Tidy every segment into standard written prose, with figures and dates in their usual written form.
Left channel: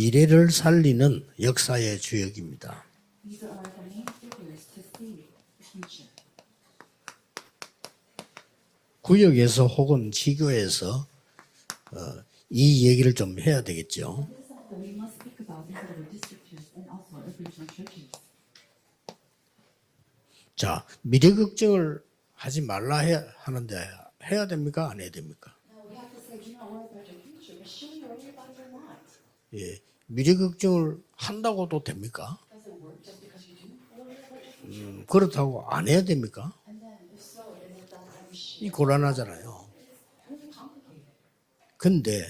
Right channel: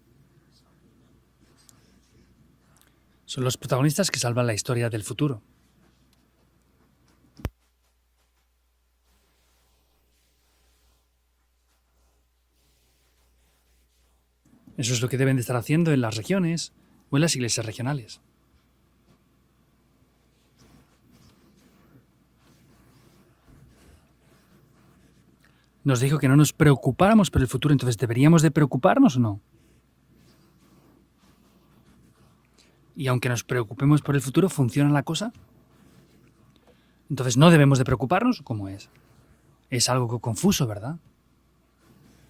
미래를 살리는 역사의 주역입니다. Son los protagonistas que salvan la historia del futuro. 구역에서 혹은 지교에서 이 얘기를 좀 해야 되겠죠. Eso es lo que deben de estar haciendo en las regiones o en las iglesias regionales. 자, 미래 걱정을 하지 말라 하는데 해야 됩니까? 안 해야 됩니까? Nos dijo que no nos preocupáramos por el futuro, entonces ¿deberíamos de preocuparnos o no? 예, 미래 걱정을 한다고도 됩니까? Y aunque nos preocupemos por el futuro, ¿funciona la cosa? 그렇다고 안 해야 됩니까? Entonces ¿no debemos de preocuparnos o cómo es? 곤란하잖아요. Es algo confuso, ¿verdad? 근데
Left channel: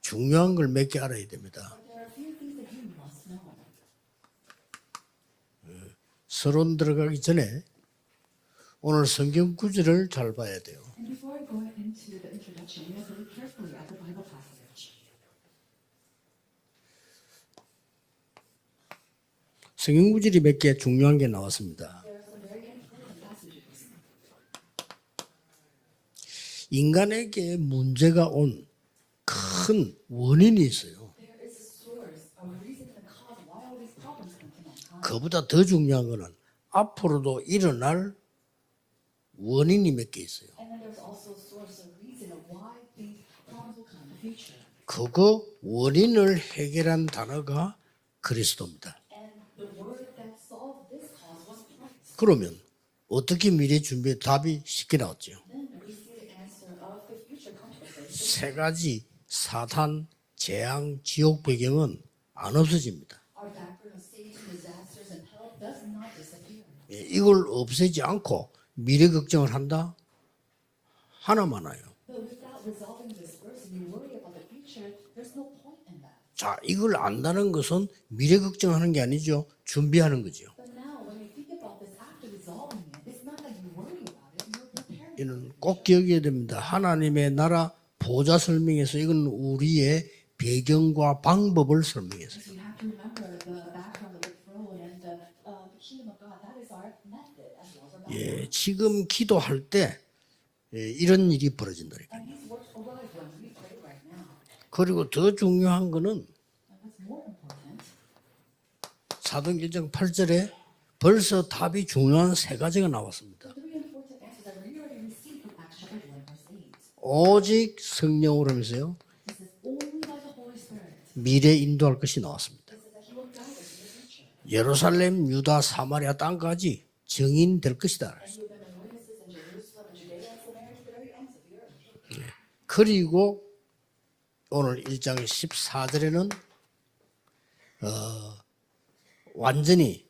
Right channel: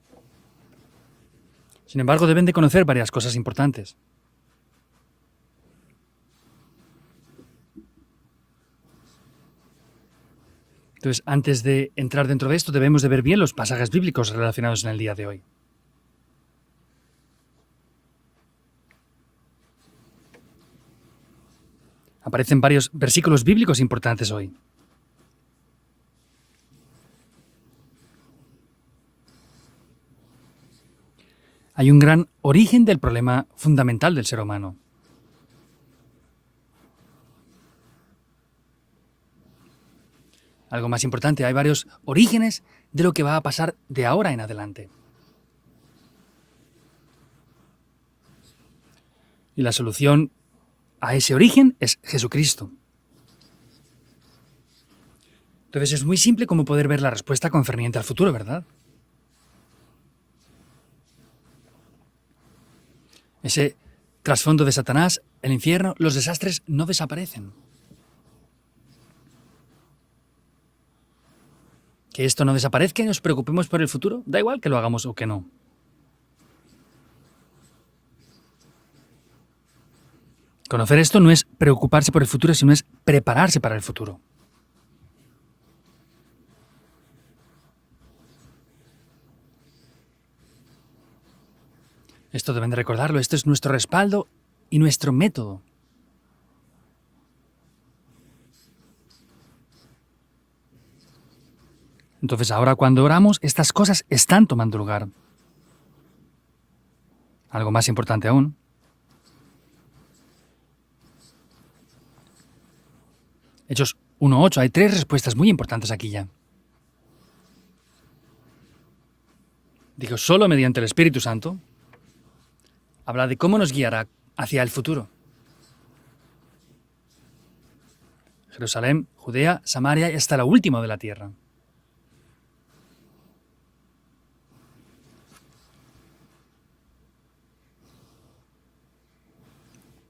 중요한 걸 몇 개 알아야 됩니다. Sin embargo, deben de conocer varias cosas importantes. 서론 들어가기 전에 오늘 성경 구절을 잘 봐야 돼요. Entonces, antes de entrar dentro de esto, debemos de ver bien los pasajes bíblicos relacionados en el día de hoy. 성경 구절이 몇 개 중요한 게 나왔습니다. Aparecen varios versículos bíblicos importantes hoy. 인간에게 문제가 온 큰 원인이 있어요. Hay un gran origen del problema fundamental del ser humano. 그보다 더 중요한 거는 앞으로도 일어날 원인이 몇 개 있어요. Algo más importante, hay varios orígenes de lo que va a pasar de ahora en adelante. 그거 원인을 해결한 단어가 그리스도입니다. Y la solución a ese origen es Jesucristo. 어떻게 미래 준비에 답이 쉽게 나왔죠. Entonces es muy simple cómo poder ver la respuesta concerniente al futuro, 세 ¿verdad? 가지 사탄, 재앙, 지옥 배경은 안 없어집니다. Ese trasfondo de Satanás, el infierno, los desastres no 이걸 desaparecen. 없애지 않고 미래 걱정을 한다? 하나 많아요. Que esto no desaparezca y nos preocupemos por el futuro, da igual que lo hagamos o que no. 자, 이걸 안다는 것은 미래 걱정하는 게 아니죠. 준비하는 거죠. Conocer esto no es preocuparse por el futuro, sino es prepararse para el futuro. 이는 꼭 기억해야 됩니다. 하나님의 나라 보좌 설명에서 이건 우리의 배경과 방법을 설명했어요. Esto deben de recordarlo, esto es nuestro respaldo y nuestro método. 예, 지금 기도할 때 이런 일이 벌어진다. Entonces ahora cuando oramos, estas cosas están tomando lugar. 그리고 더 중요한 거는 Algo más importante aún, 사도행전 8절에 벌써 답이 중요한 세 가지가 나왔습니다. Hechos 1.8, hay tres respuestas muy importantes aquí ya. 오직 성령으로 하면서요. Digo, solo mediante el Espíritu Santo 미래 인도할 것이 나왔습니다. habla de cómo nos guiará hacia el futuro. 예루살렘, 유다, 사마리아 땅까지 증인될 것이다. Jerusalén, Judea, Samaria y hasta la última de la tierra. 그리고 오늘 1장 14절에는 완전히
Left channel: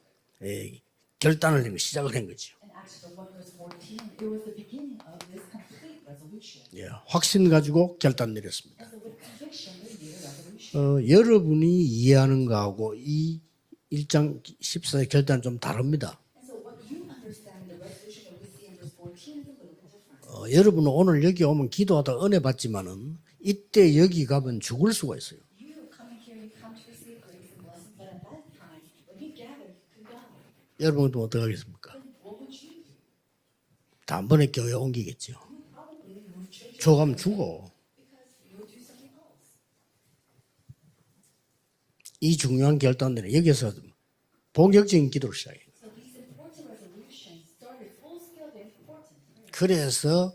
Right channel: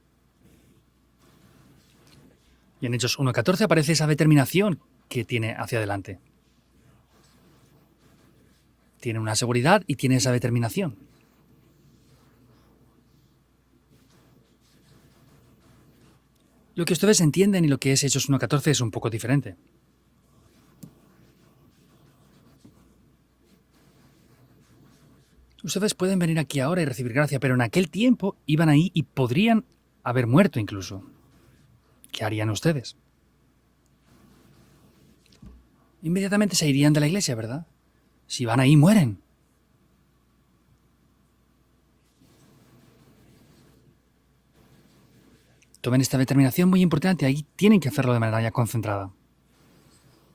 결단을 내고 시작을 한 거죠. Y en Hechos 1.14 aparece esa determinación que tiene hacia adelante. 예, 확신 가지고 결단 내렸습니다. Tiene una seguridad y tiene esa determinación. 여러분이 이해하는 거하고 이 1장 14절 결단은 좀 다릅니다. Lo que ustedes entienden y lo que es Hechos 1.14 es un poco diferente. 여러분은 오늘 여기 오면 기도하다 은혜 받지만은 이때 여기 가면 죽을 수가 있어요. Ustedes pueden venir aquí ahora y recibir gracia, pero en aquel tiempo iban ahí y podrían haber muerto incluso. 여러분은 어떻게 하겠습니까? ¿Qué harían ustedes? 단번에 교회 옮기겠죠. Inmediatamente se irían de la iglesia, ¿verdad? Si van ahí, mueren. 이 중요한 결단들은 여기서 본격적인 기도를 시작해요. Tomen esta determinación muy importante, ahí tienen que hacerlo de manera ya concentrada. 그래서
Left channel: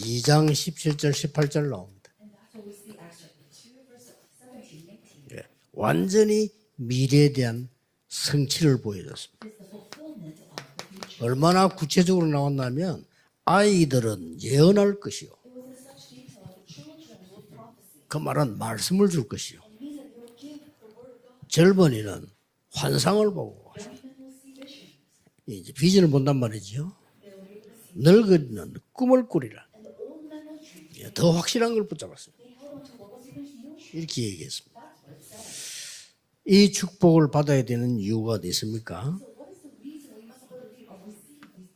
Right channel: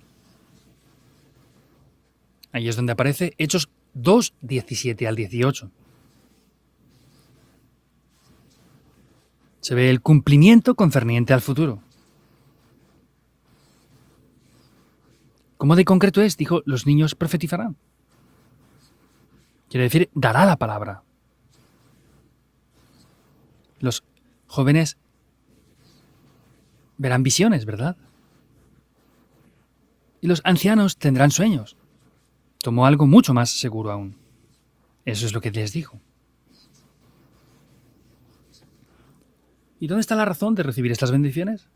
2장 17절 18절 나옵니다. Ahí es donde aparece Hechos 2, 17 al 18. 완전히 미래에 대한 성취를 보여줬습니다. Se ve el cumplimiento concerniente al 얼마나 futuro. 구체적으로 나왔냐면 아이들은 예언할 것이요. ¿Cómo de concreto es? Dijo, los niños profetizarán. 그 말은 말씀을 줄 것이요. Quiere decir, dará la palabra. 젊은이는 환상을 보고 Los jóvenes 이제 비전을 본단 말이죠. verán visiones, ¿verdad? 늙은이는 꿈을 꾸리라. Y los ancianos 더 tendrán 확실한 sueños. 걸 붙잡았습니다. Tomó algo mucho más seguro aún. 이렇게 얘기했습니다. Eso es lo que les dijo. 이 축복을 받아야 되는 이유가 어디 있습니까? ¿Y dónde está la razón de recibir estas bendiciones?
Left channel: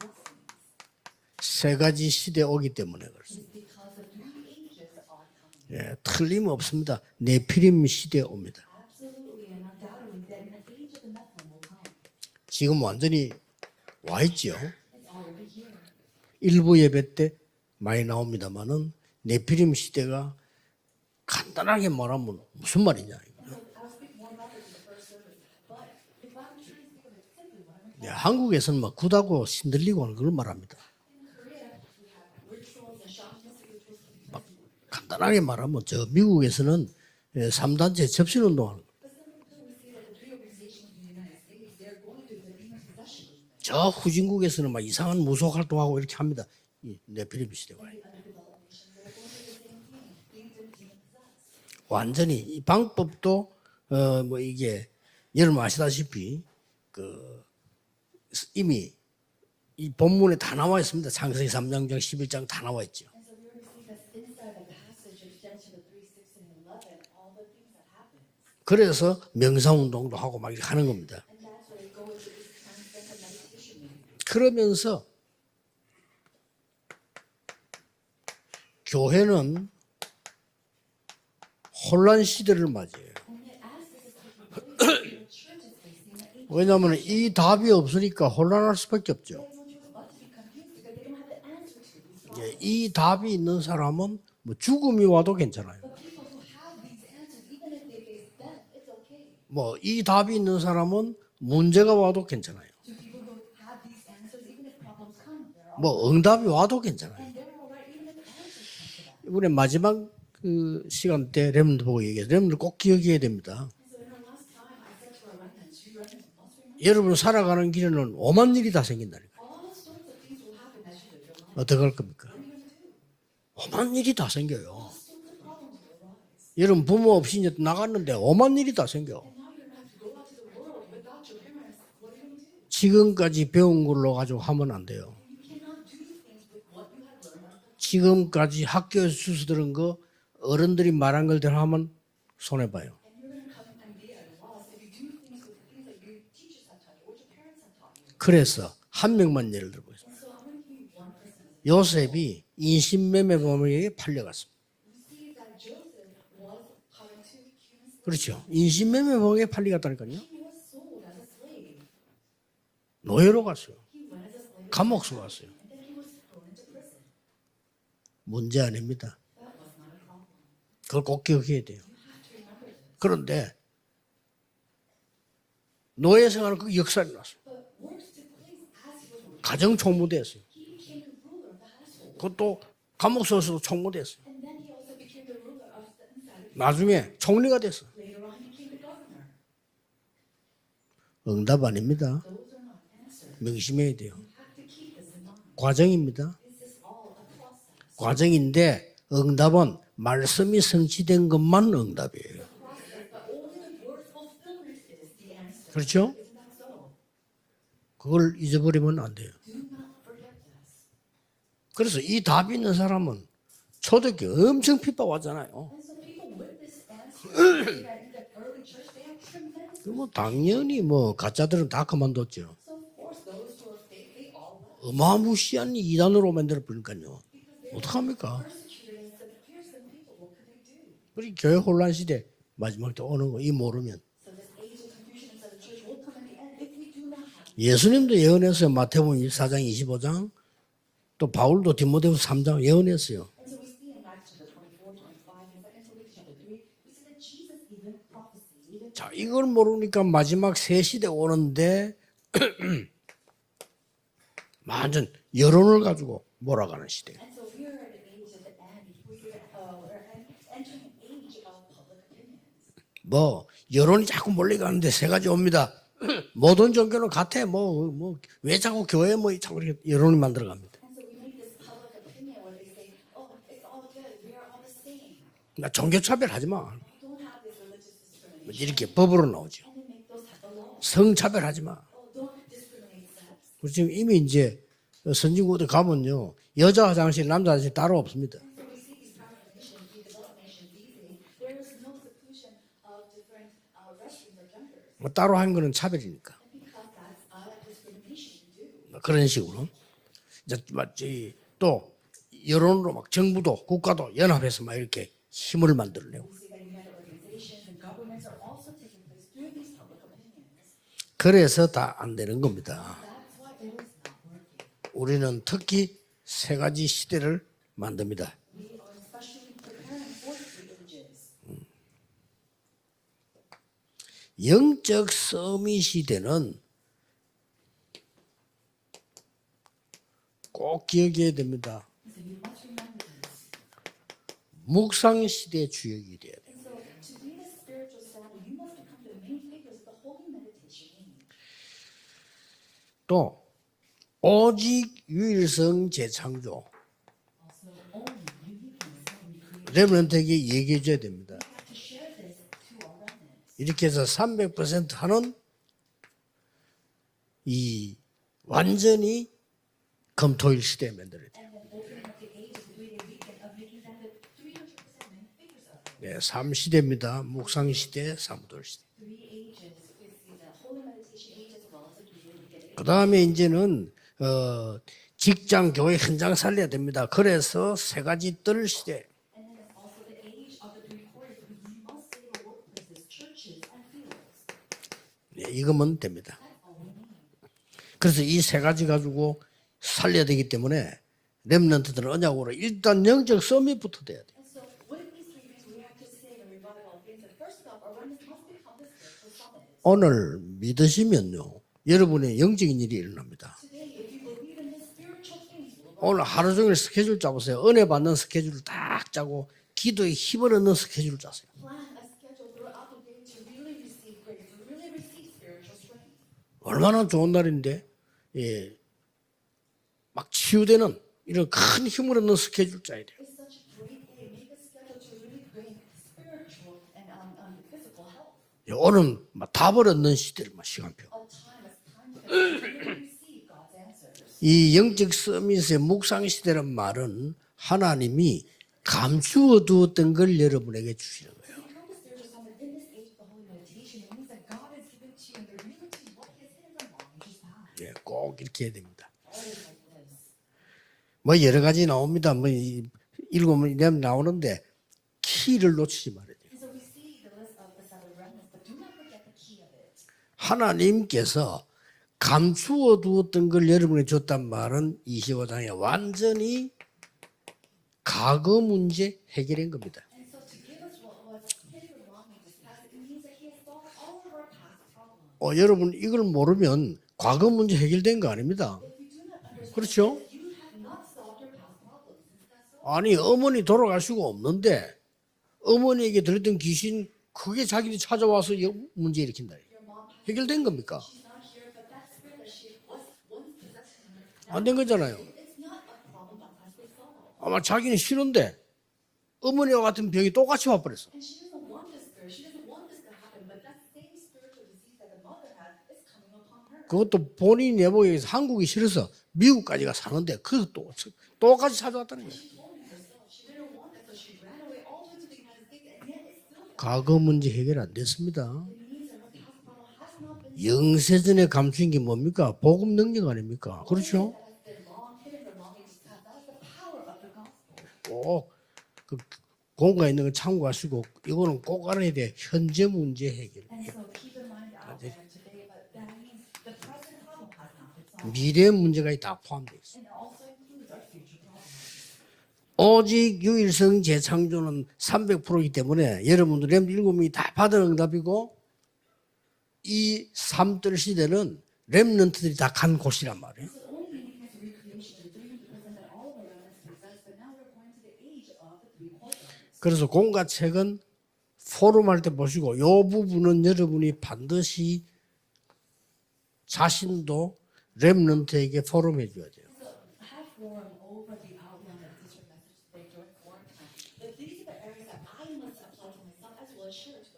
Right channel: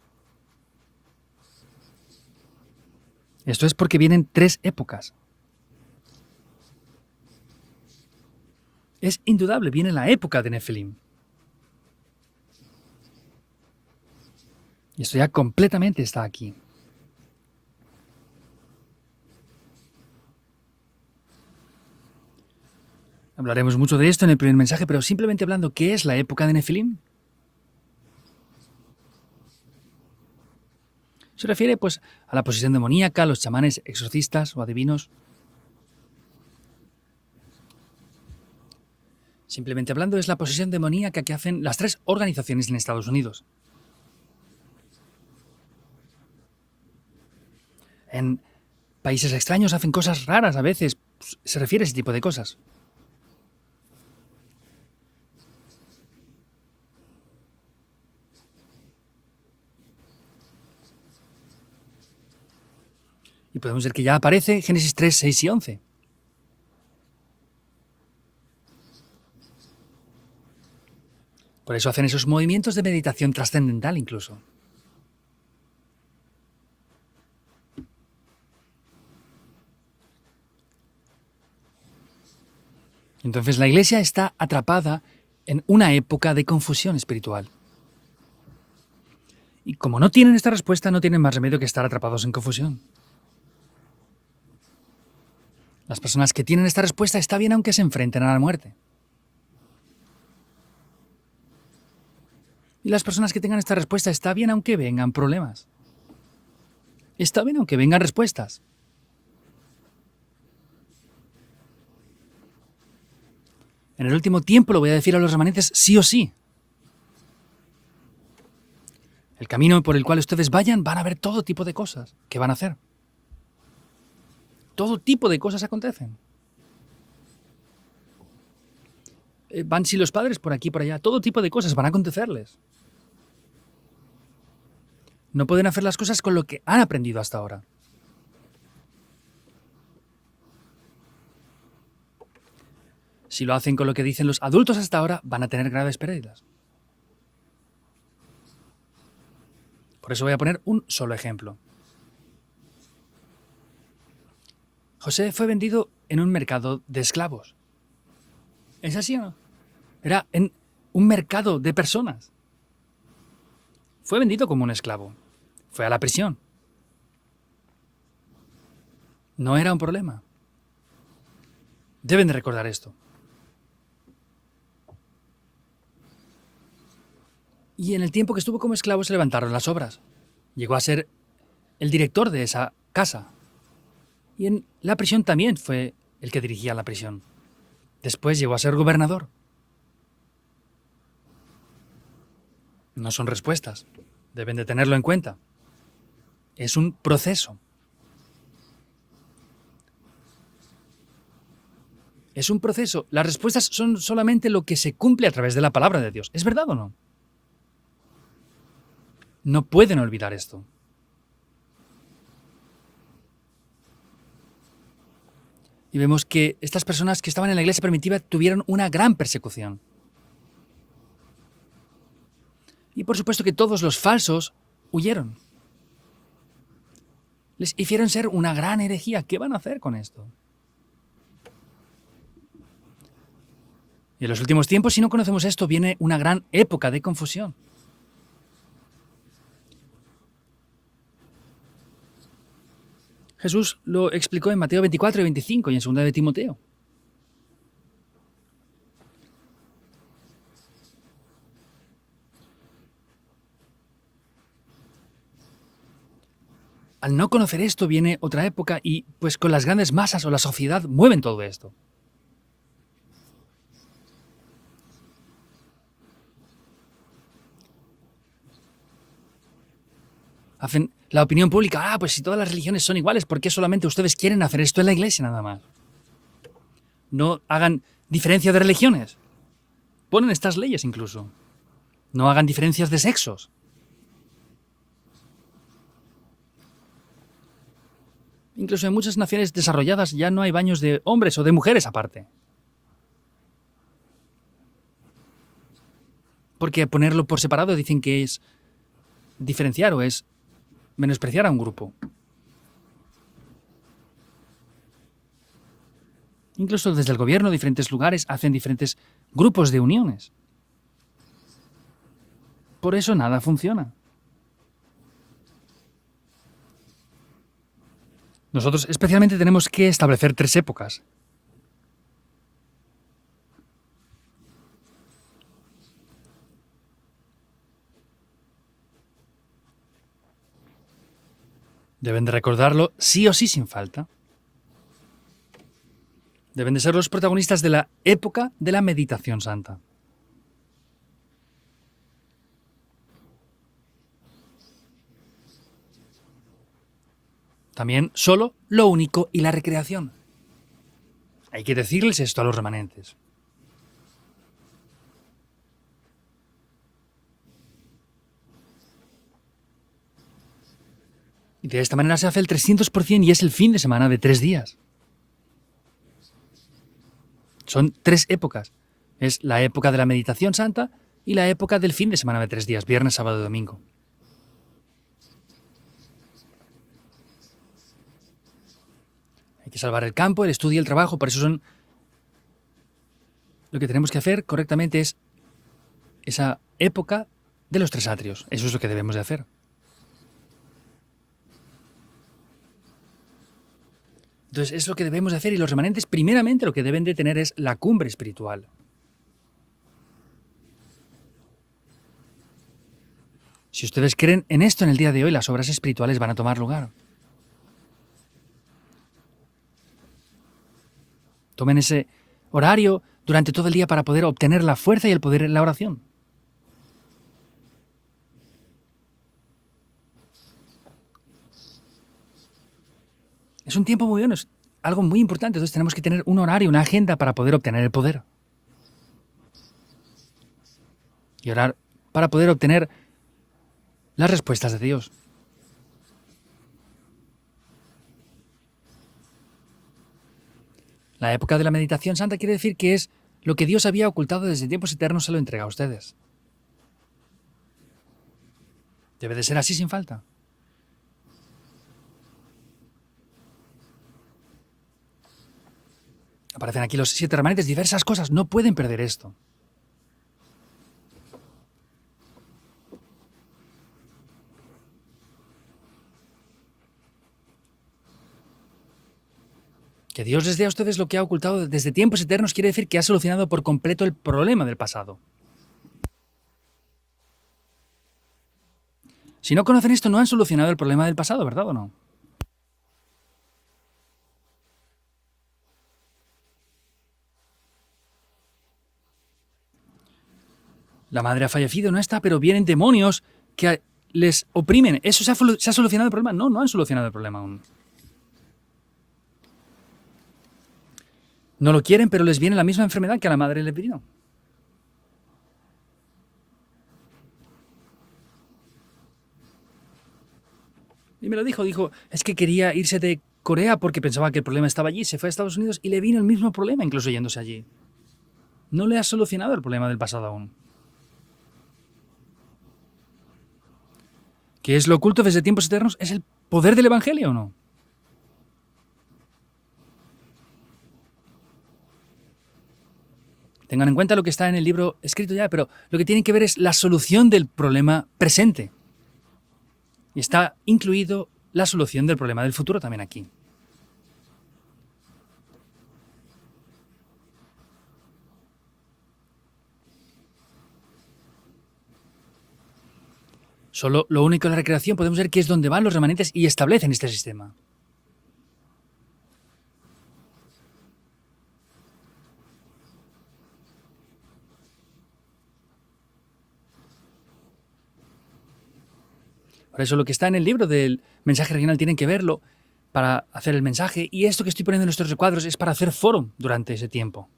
세 가지 시대 오기 때문에 그렇습니다. Esto es porque vienen tres épocas. 예, 틀림없습니다. 네피림 시대에 옵니다. Es indudable, viene la época de Nefilim. 지금 완전히 와 있죠. Y esto ya completamente está aquí. 일부 예배 때 많이 나옵니다만은 네피림 시대가 간단하게 말하면 무슨 말이냐? Hablaremos mucho de esto en el primer mensaje, pero simplemente hablando, ¿qué es la época de Nefilim? 예, 한국에서는 뭐 굿하고 신들리고 하는 걸 말합니다. Se refiere pues a la posesión demoníaca, los chamanes, exorcistas o adivinos. 간단하게 말하면 저 미국에서는 3단체 접신운동하는 거예요. Simplemente hablando, es la posesión demoníaca que hacen las tres organizaciones en Estados Unidos. 저 후진국에서는 막 이상한 무속 활동하고 이렇게 합니다. 이 네피림 시대가. En países extraños hacen cosas raras a veces. Pues, se refiere a ese tipo de 완전히 cosas. 이 방법도 뭐 이게 여러분 아시다시피 이미 이 본문에 다 나와 있습니다. 창세기 3장 11장 다 나와 있죠. Y podemos ver que ya aparece Génesis 3, 6 y 11. 그래서 명상운동도 하고 막 이렇게 하는 겁니다. Por eso hacen esos movimientos de meditación trascendental incluso. 그러면서 교회는 혼란 시대를 맞이해요. Entonces la iglesia está atrapada en una época de confusión 왜냐하면 이 espiritual. 답이 없으니까 혼란할 수밖에 없죠. Y como no tienen esta respuesta, no tienen más remedio que estar atrapados en confusión. 이 답이 있는 사람은 뭐 죽음이 와도 괜찮아요. Las personas que tienen esta respuesta está bien aunque se enfrenten a la muerte. 뭐 이 답이 있는 사람은 문제가 와도 괜찮아요. Y las personas que tengan esta respuesta está bien aunque vengan problemas. 뭐 응답이 와도 괜찮아요. Está bien aunque vengan respuestas. 이번에 마지막 그 시간 때 렘들 보고 얘기해요. 렘들 꼭 기억해야 됩니다. En el último tiempo lo voy a decir a los remanentes sí o sí. 여러분 살아가는 길에는 오만 일이 다 생긴다니까. El camino por el cual ustedes vayan van a ver todo tipo de 어떡할 cosas. 겁니까? ¿Qué van a hacer? 오만 일이 다 생겨요. Todo tipo de cosas acontecen. 여러분 부모 없이 이제 나갔는데 오만 일이 다 생겨. Van si los padres por aquí por allá. Todo tipo de cosas van a acontecerles. 지금까지 배운 걸로 가지고 하면 안 돼요. No pueden hacer las cosas con lo que han aprendido hasta ahora. 지금까지 학교에서 주워 들은 거 어른들이 말한 걸대로 하면 손해 봐요. Si lo hacen con lo que dicen los adultos hasta ahora, van a tener graves pérdidas. 그래서 한 명만 예를 들어보세요. Por eso voy a poner un solo ejemplo. 요셉이 인신매매범에게 팔려갔습니다. José fue vendido en un mercado de esclavos. 그렇죠. 인신매매범에게 팔려갔다니까요. Era en un mercado de personas. 노예로 갔어요. Fue vendido como un esclavo. 감옥수 갔어요. Fue a la prisión. 문제 아닙니다. No era un problema. 그걸 꼭 기억해야 돼요. Deben de recordar esto. 그런데 노예 생활은 그 역사에 났어요. Y en el tiempo que estuvo como esclavo se levantaron las 가정 obras. 총무대였어요. Llegó a ser el director de esa casa. 감옥소에서도 총무대였어요. Y en la prisión también fue el que dirigía la 나중에 prisión. 총리가 됐어요. Después llegó a ser gobernador. 응답 아닙니다. No son respuestas. 조심해야 돼요. Deben de tenerlo en cuenta. 과정입니다. Es un proceso. 과정인데 응답은 말씀이 성취된 것만 응답이에요. Es un proceso. Las respuestas son solamente lo que se cumple a través de la palabra de Dios. ¿Es verdad o no? 그걸 잊어버리면 안 돼요. No pueden olvidar esto. 그래서 이 답이 있는 사람은 초대교회 엄청 핍박하잖아요. Y vemos que estas personas que estaban en la iglesia primitiva tuvieron una gran persecución. 뭐 당연히 뭐 가짜들은 다 그만뒀죠. Y por supuesto que todos los falsos huyeron. 어마무시한 이단으로 만들어 버리니까요. Les hicieron ser una gran herejía. ¿Qué van a hacer con esto? 우리 교회 혼란 시대 마지막 때 오는 거 이 모르면 Y en los últimos tiempos, si no conocemos esto, viene una gran época de confusión. 예수님도 예언했어요. 마태복음 24장 25장 또 바울도 디모데후서 3장 예언했어요. Jesús lo explicó en Mateo 24 y 25 y en 2 de Timoteo. 자, 이걸 모르니까 마지막 새 시대 오는데 완전 여론을 가지고 몰아가는 시대. Al no conocer esto, viene otra época y pues con las grandes masas o la sociedad mueven todo esto. 뭐 여론이 자꾸 몰려가는데 세 가지 옵니다. 모든 종교는 같아. 뭐 왜 자꾸 교회 뭐 자꾸 이렇게 여론을 만들어갑니다. Hacen la opinión pública, pues si todas las religiones son iguales, ¿por qué solamente ustedes quieren hacer esto en la iglesia nada más? 나 종교 차별하지 마. No hagan diferencia de religiones. 법으로 나오죠. Ponen estas leyes 성 incluso. 차별하지 마. No hagan diferencias de sexos. 우리 지금 이미 이제 선진국에 가면요 여자 화장실, 남자 화장실 따로 없습니다. Incluso en muchas naciones desarrolladas ya no hay baños de hombres o de mujeres aparte. 뭐 따로 한 거는 차별이니까. Porque ponerlo por separado dicen que es 그런 식으로. diferenciar o es 이제 menospreciar a un 또 grupo. 여론으로 막 정부도 국가도 연합해서 막 이렇게 힘을 만들려고. Incluso desde el gobierno, diferentes lugares hacen diferentes grupos de uniones. 그래서 다 안 되는 겁니다. Por eso nada funciona. 우리는 특히 세 가지 시대를 만듭니다. Nosotros especialmente tenemos que establecer tres épocas. 영적 서밋 시대는 꼭 기억해야 됩니다. Deben de recordarlo sí o sí sin falta. 묵상 시대의 주역이 돼야 돼요. Deben de ser los protagonistas de la época de la meditación santa. 또 오직 유일성 재창조 También solo lo único y la recreación. 렘넌트에게 얘기해 줘야 됩니다. Hay que decirles esto a los remanentes. 이렇게 해서 300% 하는 이 완전히 금토일 시대에 만들어야 돼요. Y de esta manera se hace el 300% y es el fin de semana de 3 días. 네, 3시대입니다. 묵상 Son 시대. 3 épocas. Es la época de la meditación santa y la época del fin de semana de 3 días, 그다음에 viernes, sábado, domingo. 이제는 직장, 교회 현장 살려야 됩니다. 그래서 세 가지 뜰 시대. Hay que salvar el campo, el estudio y el trabajo. Por eso son... Lo que tenemos que hacer correctamente es 네, 이거면 됩니다. esa época de los 3 그래서 이 atrios. 세 Eso es lo 가지 que debemos de 가지고 hacer. 살려야 되기 때문에 렘넌트들은 언약으로 일단 영적 서밋부터 돼야 돼요. Entonces es lo que debemos de hacer y los remanentes primeramente lo que deben de tener es la cumbre espiritual. 오늘 믿으시면요, 여러분의 영적인 일이 일어납니다. Si ustedes creen en esto en el día de hoy, las obras espirituales 오늘 van a 하루 tomar 종일 lugar. 스케줄 짜보세요. 은혜 받는 스케줄을 딱 짜고 기도에 힘을 얻는 스케줄을 짜세요. Tomen ese horario durante todo el día para poder obtener la fuerza y el poder en la oración. 얼마나 좋은 날인데, 예, 막 치유되는 이런 큰 힘을 얻는 스케줄 짜야 돼요. Es un tiempo muy bueno, es algo muy importante. Entonces tenemos que tener un horario, una agenda para poder obtener el poder. 예, 오늘 막 답을 얻는 시대를 막 시간표. Y orar para poder obtener las respuestas 이 de Dios. 영적 서밋의 묵상 시대란 말은 하나님이 감추어 두었던 걸 여러분에게 주시. La época de la meditación santa quiere decir que es lo que Dios había ocultado desde tiempos eternos se lo entrega a ustedes. 예, 꼭 이렇게 해야 됩니다. Debe de ser así sin falta. 뭐 여러 가지 나옵니다. 뭐 읽으면 나오는데 키를 놓치지 말아야 돼요. Aparecen aquí los 7 remanentes, diversas cosas. No pueden perder esto. 하나님께서 감추어 두었던 걸 여러분에게 줬단 말은 25장에 완전히 과거 문제 해결한 겁니다. Que Dios les dé a ustedes lo que ha ocultado desde tiempos eternos quiere decir que ha solucionado por completo el problema del pasado. 여러분 이걸 모르면 과거 문제 해결된 거 아닙니다. Si no conocen esto, no han solucionado el problema del pasado, ¿verdad o no? 아니 어머니 돌아갈 수가 없는데 어머니에게 들었던 귀신 그게 자기들이 찾아와서 문제 일으킨다. 해결된 겁니까? La madre ha fallecido, no está, pero vienen demonios que les oprimen. ¿Eso se ha solucionado el problema? No, no han solucionado el problema aún. 아마 자기는 싫은데 어머니와 같은 병이 똑같이 와버렸어. No lo quieren, pero les viene la misma enfermedad que a la madre le vino. 그것도 본인 내복에서 한국이 싫어서 미국까지가 사는데 그것도 Y me lo dijo, 똑같이 dijo, 찾아왔다. es que quería irse de Corea porque pensaba que el problema estaba allí, se fue a Estados Unidos y le vino el mismo problema, incluso 과거 yéndose 문제 allí. 해결 안 됐습니다. No le ha solucionado el problema del pasado aún. 영세전에 감춘 게 뭡니까? 복음 능력 아닙니까? 그렇죠? ¿Qué es lo oculto desde tiempos eternos? ¿Es el poder del Evangelio o no? 꼭그 공간 있는 거 참고하시고 이거는 꼭 알아야 돼. 현재 문제 해결. Tengan en cuenta lo que está en el libro escrito ya, pero lo que tienen que ver es la solución del problema presente. 미래 문제가 다 포함되어 있어요. Y está incluido la solución del problema del futuro. también aquí. 오직 유일성 재창조는 300%이기 때문에 여러분들 렘7명이 다 받은 응답이고 이 삼들 시대는 렘넌트들이 다 간 곳이란 말이에요. Solo lo único de la recreación podemos ver que es donde van los remanentes y establecen este sistema. 그래서 공과책은 포럼할 때 보시고 이 부분은 여러분이 반드시 자신도 렘넌트에게 포럼해 줘야 돼요. Por eso lo que está en el libro del mensaje regional tienen que verlo para hacer el mensaje y esto que estoy poniendo en nuestros recuadros es para hacer foro durante ese tiempo.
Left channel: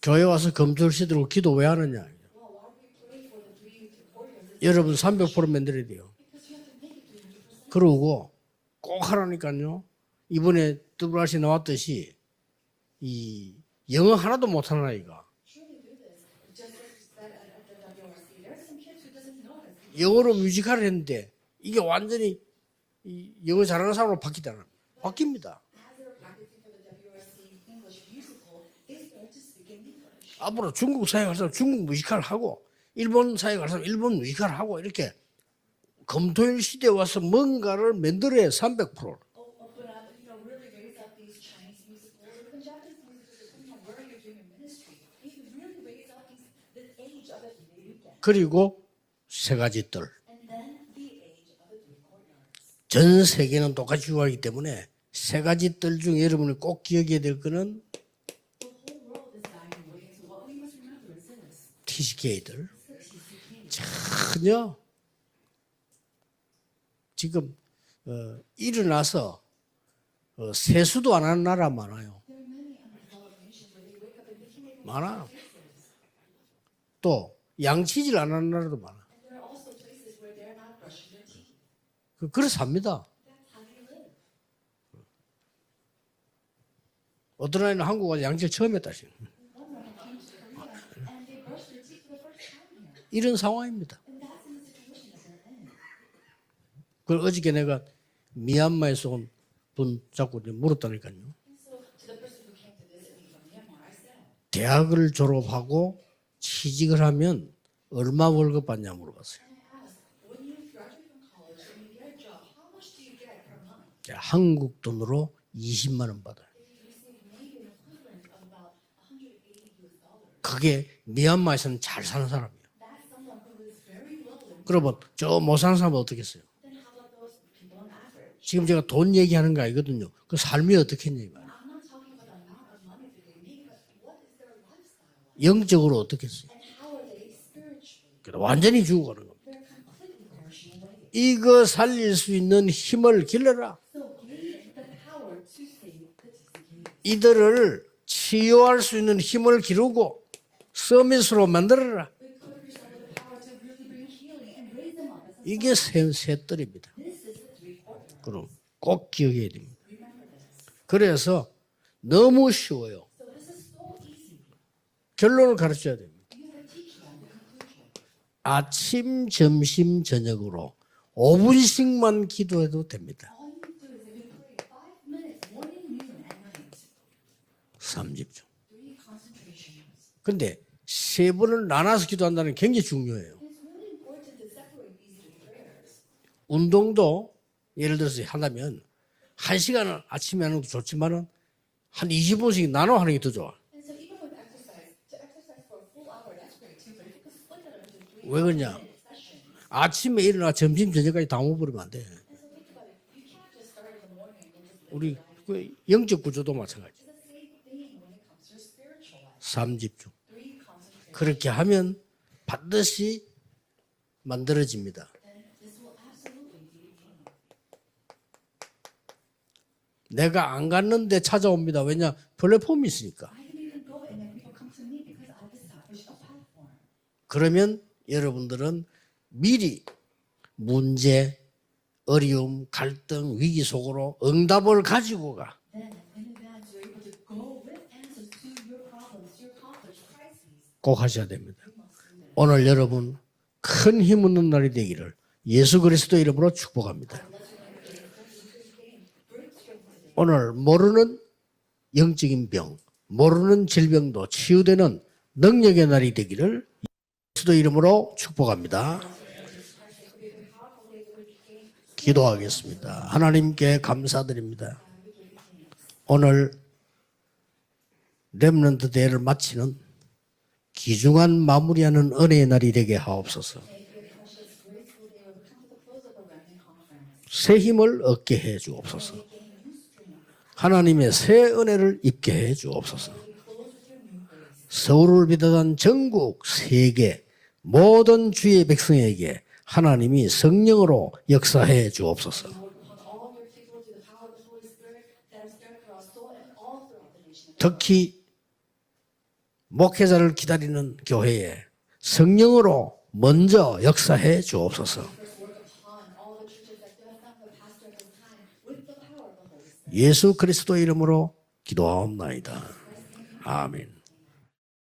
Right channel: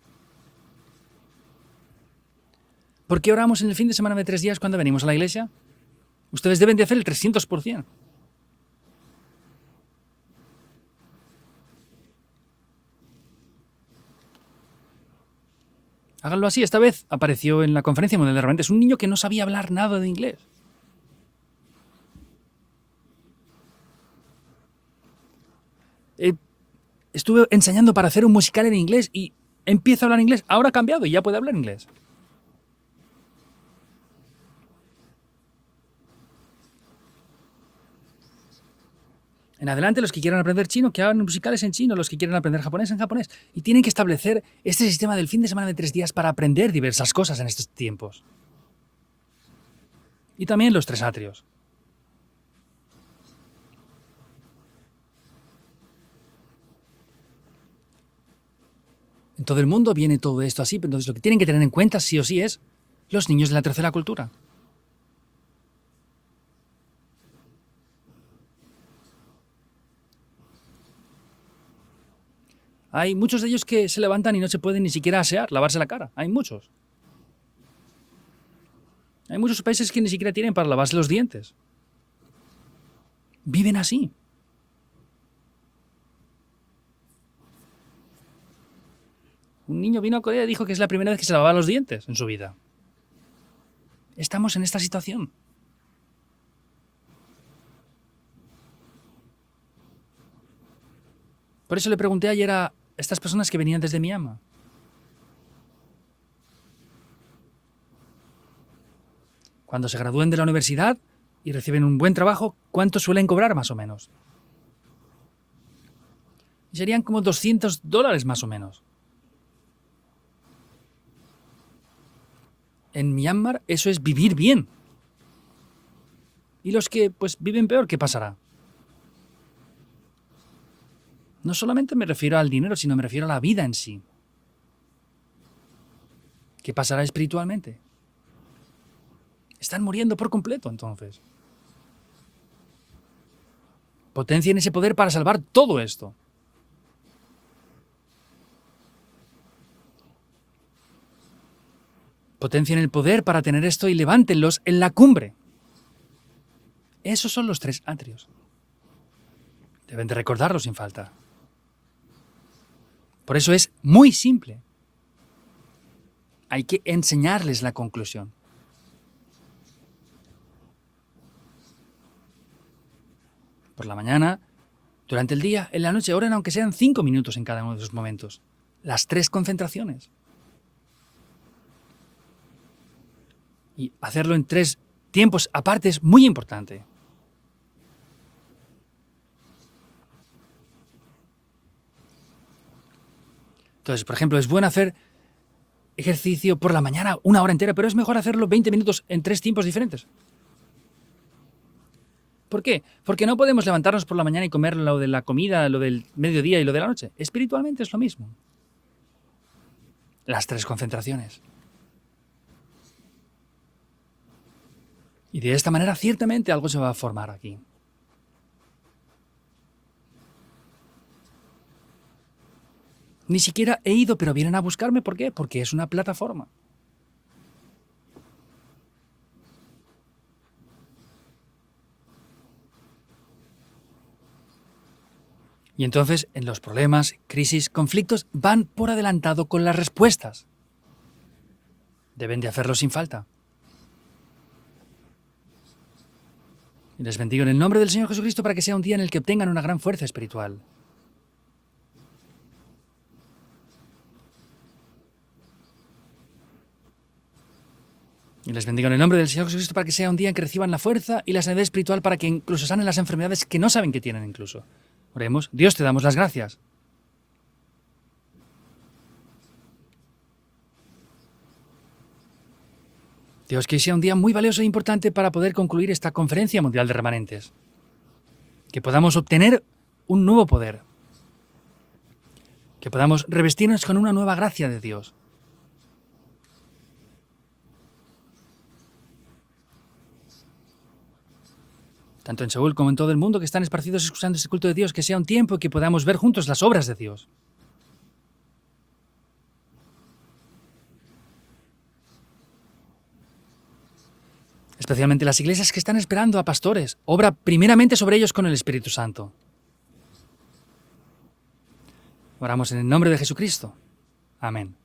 교회 와서 금토일 시대로 기도 왜 하느냐? ¿Por qué oramos en el fin de semana de 3 días cuando 여러분 venimos a la iglesia? 300% 만들어야 돼요. Ustedes deben de hacer el 300%. 그러고 꼭 하라니까요. 이번에 WRC 나왔듯이 이 영어 하나도 못하는 아이가 Háganlo así. Esta vez apareció en la conferencia mundial de remanentes un niño que no sabía hablar nada de 영어로 inglés. 뮤지컬을 했는데 이게 완전히 이 영어 잘하는 사람으로 바뀌잖아. 바뀝니다. Estuve enseñando para hacer un musical en inglés y empieza a hablar inglés. Ahora ha cambiado y ya puede hablar 중국 inglés. 뮤지컬 하고 일본 사회 가서 일본 뮤지컬 하고 이렇게 금토일 시대에 와서 뭔가를 만들어야 300%. En adelante, los que quieran aprender chino, que hagan musicales en chino, los que quieran aprender japonés en japonés. Y tienen que establecer este sistema del fin de semana de 3 días para aprender diversas cosas en estos tiempos. 그리고 세 가지 뜰. Y también los 3 atrios. 전 세계는 똑같이 죽어가기 때문에 세 가지 뜰 중에 여러분이 꼭 기억해야 될 거는 En todo el mundo viene todo esto así, pero entonces lo que tienen que tener en cuenta sí o sí es los niños de la tercera cultura. 그냥 지금 일어나서 세수도 안 하는 나라 많아요. Hay muchos de ellos que se levantan y no se pueden ni siquiera asear, lavarse la cara. Hay muchos. 또 양치질 안 하는 나라도 많아. Hay muchos países que ni siquiera tienen para lavarse los dientes. 그래서 삽니다. Viven así. 어떤 아이는 한국 와서 양치를 처음 했다. Un niño vino a Corea y dijo que es la primera vez que se lavaba los dientes en su vida. 이런 상황입니다. Estamos en esta situación. 그 어저께 내가 미얀마에서 온 분 자꾸 물었다니까요. Por eso le pregunté ayer a estas personas que venían desde Myanmar. 대학을 졸업하고 취직을 하면 얼마 월급 받냐 물어봤어요. Cuando se gradúen de la universidad y reciben un buen trabajo, ¿cuánto suelen cobrar más o menos? 한국 돈으로 20만 원 받아요. Serían como $200 más o menos. 그게 미얀마에서는 잘 사는 사람이에요. En Myanmar eso es vivir bien. 그러면 저 못 사는 사람은 어떻게 했어요? Y los que pues viven peor, ¿qué pasará? 지금 제가 돈 얘기하는 거 아니거든요. 그 삶이 어떻게 했냐. No solamente me refiero al dinero, sino me refiero a la vida en sí. 영적으로 어떻게 했어요? ¿Qué pasará espiritualmente? 완전히 죽어가는 겁니다. Están muriendo por completo entonces. 이거 살릴 수 있는 힘을 길러라. Potencien ese poder para salvar todo esto. 이들을 치유할 수 있는 힘을 기르고 서밋으로 만들어라. Potencien el poder para tener esto y levántenlos en la cumbre. 이게 세 뜰입니다. Esos son los 3 atrios. 그럼 꼭 기억해야 됩니다. Deben de recordarlos sin falta. 그래서 너무 쉬워요. Por eso es muy simple. 결론을 가르쳐야 돼요. Hay que enseñarles la conclusión. 아침, 점심, 저녁으로 5분씩만 기도해도 됩니다. Por la mañana, durante el día, en la noche, oren aunque sean 5 minutos en cada uno de esos momentos. Las 3 concentraciones. 근데 세 번을 나눠서 기도한다는 게 굉장히 중요해요. Y hacerlo en 3 tiempos aparte es muy importante. 운동도 예를 들어서 한다면 1시간을 아침에 하는 것도 좋지만은 한 20분씩 나눠 하는 게 더 좋아. Entonces, por ejemplo, es bueno hacer ejercicio por la mañana 1 hora entera, pero es mejor hacerlo 20 minutos en 3 tiempos diferentes. 아침에 일어나 점심 저녁까지 다 먹어버리면 안 돼. ¿Por qué? Porque no podemos levantarnos por la mañana y comer lo de la comida, lo del mediodía y lo de la noche. Espiritualmente es lo mismo. 삼집중. Las 3 concentraciones. 그렇게 하면 반드시 만들어집니다. Y de esta manera, ciertamente, algo se va a formar aquí. 내가 안 갔는데 찾아옵니다. 왜냐? 플랫폼이 있으니까. Ni siquiera he ido, pero vienen a buscarme. ¿Por qué? Porque es una plataforma. 그러면 여러분들은 미리 문제, 어려움, 갈등, 위기 속으로 응답을 가지고 가. Y entonces, en los problemas, crisis, conflictos, van por adelantado con las respuestas. 꼭 하셔야 됩니다. Deben de 오늘 hacerlo sin 여러분 falta. 큰 힘 있는 날이 되기를 예수 그리스도 이름으로 축복합니다. Les bendigo en el nombre del Señor Jesucristo para que sea un día en el que obtengan una gran fuerza 오늘 espiritual. 모르는 영적인 병, 모르는 질병도 치유되는 능력의 날이 되기를 예수도 이름으로 Les bendigo en el 축복합니다. nombre del Señor Jesucristo para que sea un día en que reciban la fuerza y la sanidad espiritual para que incluso sanen las enfermedades que no saben que tienen incluso. Oremos. Dios, te damos las 오늘 gracias. 렘넌트 대회를 마치는 귀중한 마무리하는 은혜의 날이 되게 하옵소서. Dios, que sea un día muy valioso e importante para poder concluir esta conferencia mundial de remanentes. 새 힘을 얻게 해 Que 주옵소서. podamos obtener un nuevo poder. 하나님의 새 은혜를 입게 해 Que 주옵소서. podamos revestirnos con una nueva gracia de Dios. 서울을 비롯한 전국 세계 모든 주의 백성에게 하나님이 성령으로 역사해 Tanto 주옵소서. en Seúl como en todo el mundo que están esparcidos escuchando este culto de Dios, que sea un tiempo que podamos ver juntos las obras de Dios. 특히 목회자를 기다리는 교회에 성령으로 먼저 역사해 주옵소서. Especialmente las iglesias que están esperando a pastores. Obra primeramente sobre ellos con el Espíritu Santo. 예수 그리스도 이름으로 기도하옵나이다. Oramos en el nombre de Jesucristo. 아멘. Amén.